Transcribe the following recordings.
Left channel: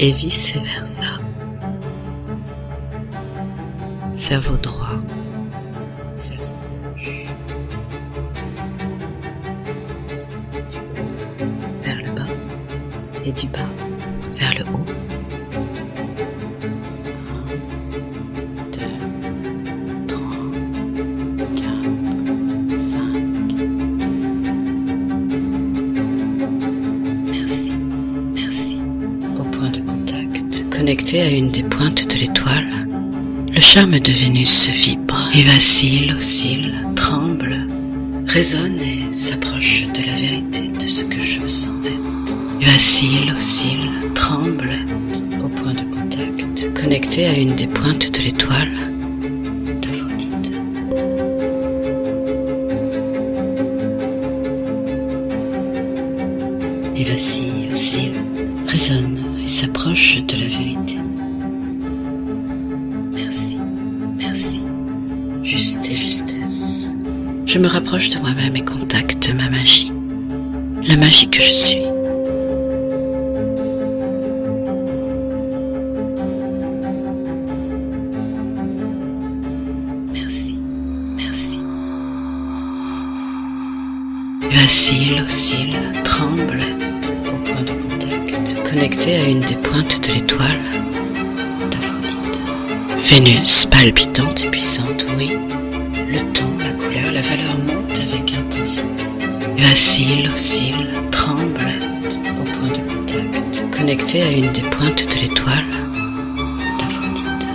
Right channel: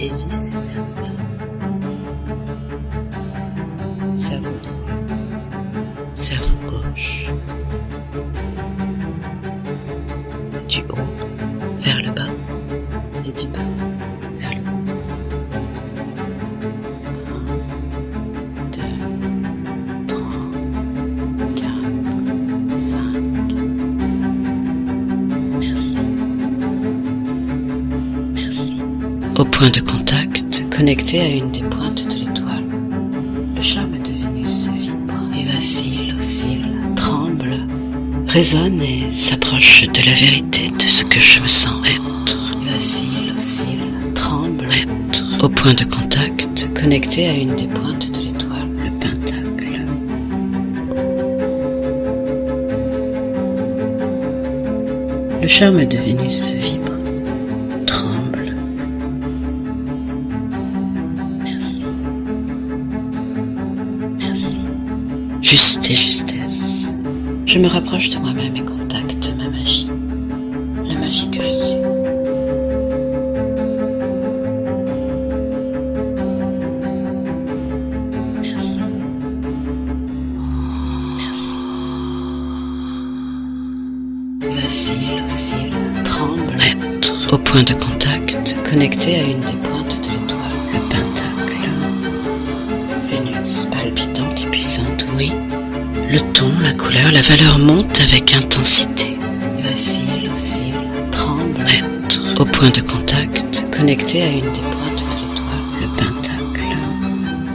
et vice-versa. Cerveau droit, cerveau gauche. Du haut vers le bas et du bas vers le haut. 1, 2, 3, 4, 5. Merci, merci, merci. Au point de contact, connecté à une des pointes de l'étoile, le charme de Vénus vibre et vacille, oscille, tremble, résonne et s'approche de la vérité de ce que je me sens être. Vacille, oscille, tremble, être. Au point de contact, connecté à une des pointes de l'étoile, le pentacle d'Aphrodite. Le charme de Vénus vibre et vacille, tremble, résonne et s'approche de la vérité. Merci, merci, merci. Juste et justesse. Je me rapproche de moi-même et contacte ma magie, la magie que je suis. Merci, merci, merci. Vacille, oscille, tremble, être. Au point de contact, connecté à une des pointes de l'étoile, le pentacle d'Aphrodite. Vénus, palpitante et puissante, oui. Le ton, la couleur, la valeur montent avec intensité. Vacille, oscille, tremble, être. Au point de contact, connecté à une des pointes de l'étoile, le pentacle d'Aphrodite.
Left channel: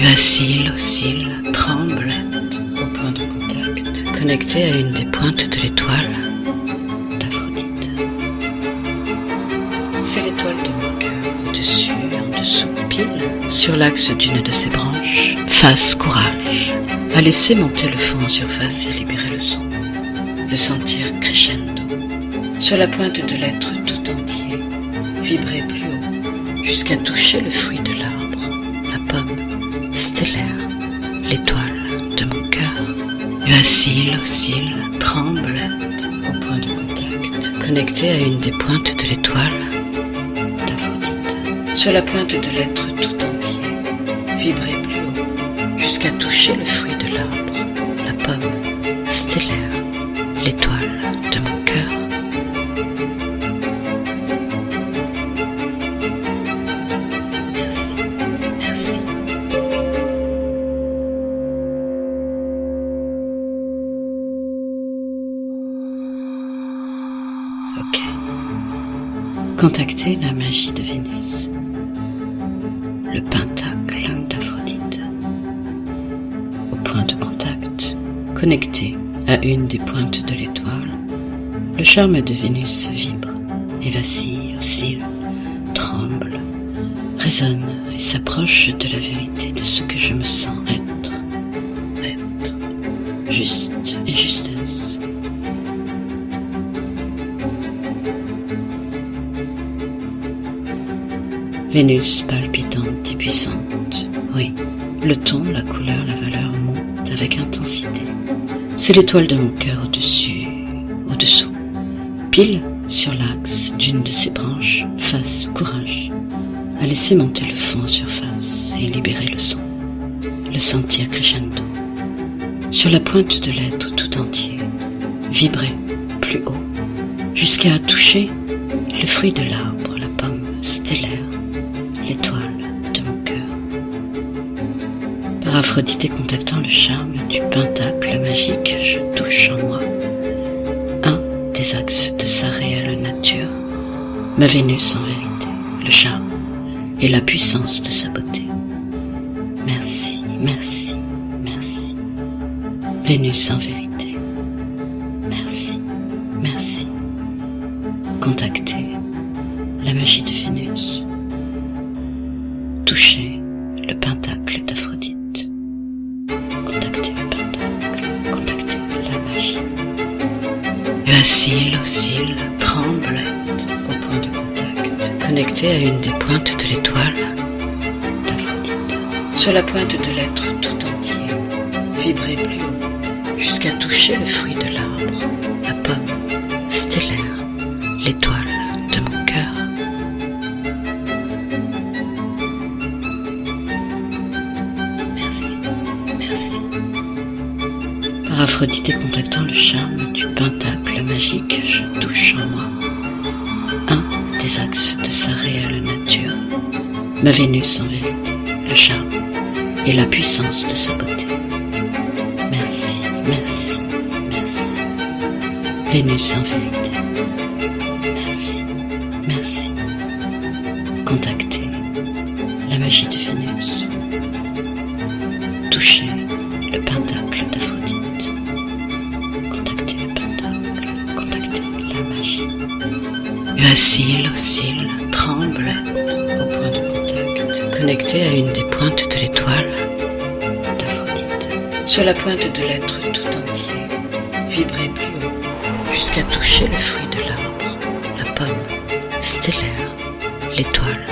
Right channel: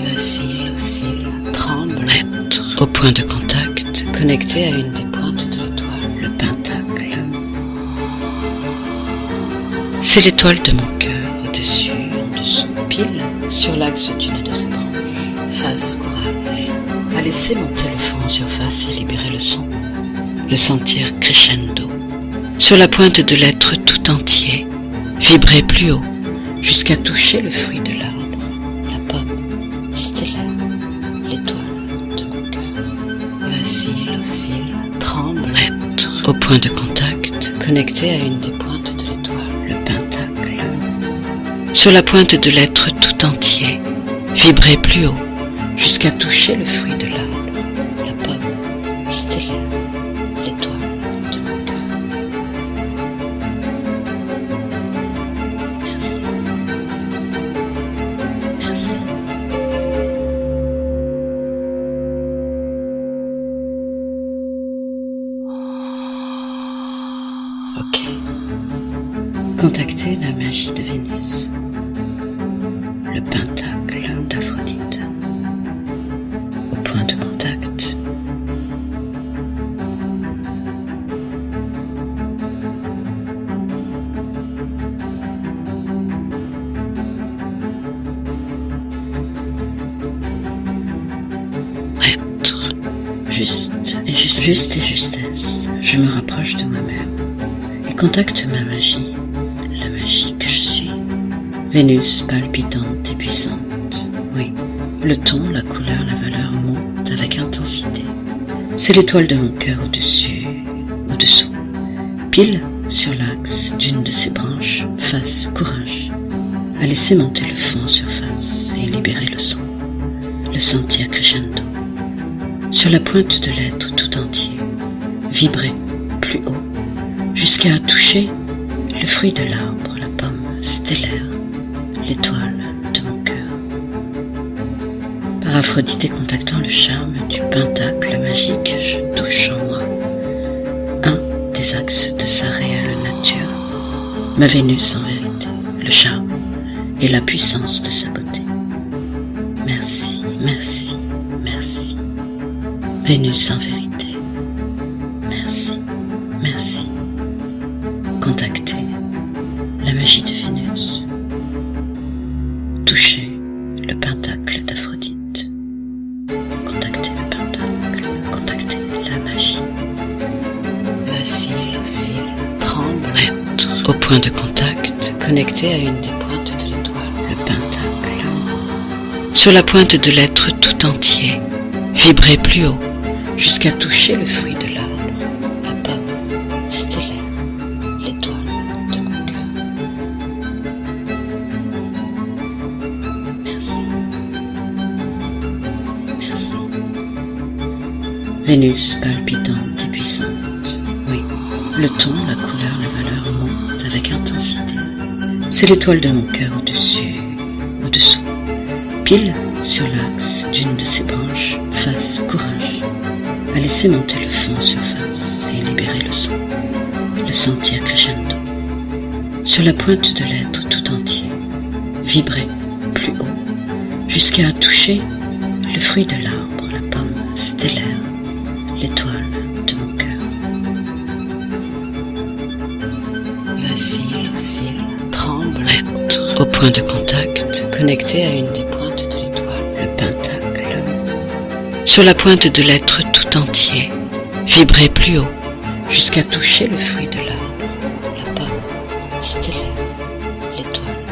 Vacille, oscille, tremble, être. Au point de contact, connecté à une des pointes de l'étoile, le pentacle d'Aphrodite. C'est l'étoile de mon cœur, au-dessus, en dessous, pile, sur l'axe d'une de ses branches. Fasse courage, à laisser monter le fond en surface et libérer le son, le sentir crescendo. Sur la pointe de l'être tout entier, vibrer plus haut, jusqu'à toucher le fruit de l'arbre, la pomme stellaire, l'étoile de mon cœur. Vacille, oscille, tremble, être. Au point de contact, connecté à une des pointes de l'étoile, le pentacle d'Aphrodite. Sur la pointe de l'être tout entier, vibrer plus haut, jusqu'à toucher le fruit de l'arbre, la pomme stellaire, l'étoile de mon cœur. Merci, merci, merci. Ok. Contactez la magie de Vénus, le pentacle d'Aphrodite. Au point de contact, connecté à une des pointes de l'étoile, le charme de Vénus vibre et vacille, oscille, tremble, résonne et s'approche de la vérité de ce que je me sens être. Être. Juste et justesse. Je me rapproche de moi-même et contacte ma magie, la magie que je suis. Vénus palpitante et puissante, oui. Le ton, la couleur, la valeur montent avec intensité. C'est l'étoile de mon cœur au-dessus, au-dessous. Pile sur l'axe d'une de ses branches, face courage, à laisser monter le fond en surface et libérer le son, le sentir crescendo. Sur la pointe de l'être tout entier, vibrer plus haut, jusqu'à toucher le fruit de l'arbre, la pomme stellaire, l'étoile de mon cœur. Par Aphrodite contactant le charme du pentacle magique, je touche en moi un des axes de sa réelle nature, ma Vénus en vérité, le charme et la puissance de sa beauté. Merci, merci, merci. Vénus en vérité. Merci, merci. Contactez la magie de Vénus. Touchez le pentacle d'Aphrodite. Contactez le pentacle. Contactez la magie. Vacille, oscille, tremble, être. Au point de contact, connecté à une des pointes de l'étoile, le pentacle d'Aphrodite. Sur la pointe de l'être tout entier, vibrer plus haut, jusqu'à toucher le fruit de l'arbre, la pomme stellaire, l'étoile de mon cœur. Merci, merci. Par Aphrodite palpitante, puis ce pentacle magique, je le touche en valeur avec un des axes de sa raie. C'est l'étoile de mon cœur au-dessus, ma Vénus en dessous, le chat pile sur la puissance d'une de ses branches, face courageuse, à laisser monter le fond en surface et libérer le sang vérité, le sentir que j'analyse. Sur la pointe de l'être tout en contacté, vibrer la magie de Vénus, jusqu'à toucher de l'arbre, le pentacle stellaire, l'étoile de mon cœur, contacter la magie. Vacille, oscille, tremble, être au point de contact, connecté à une des pointes de l'étoile, le pentacle d'Aphrodite. Sur la pointe de l'être tout entier, vibrer plus haut, jusqu'à toucher le fruit de l'arbre, la pomme stellaire, l'étoile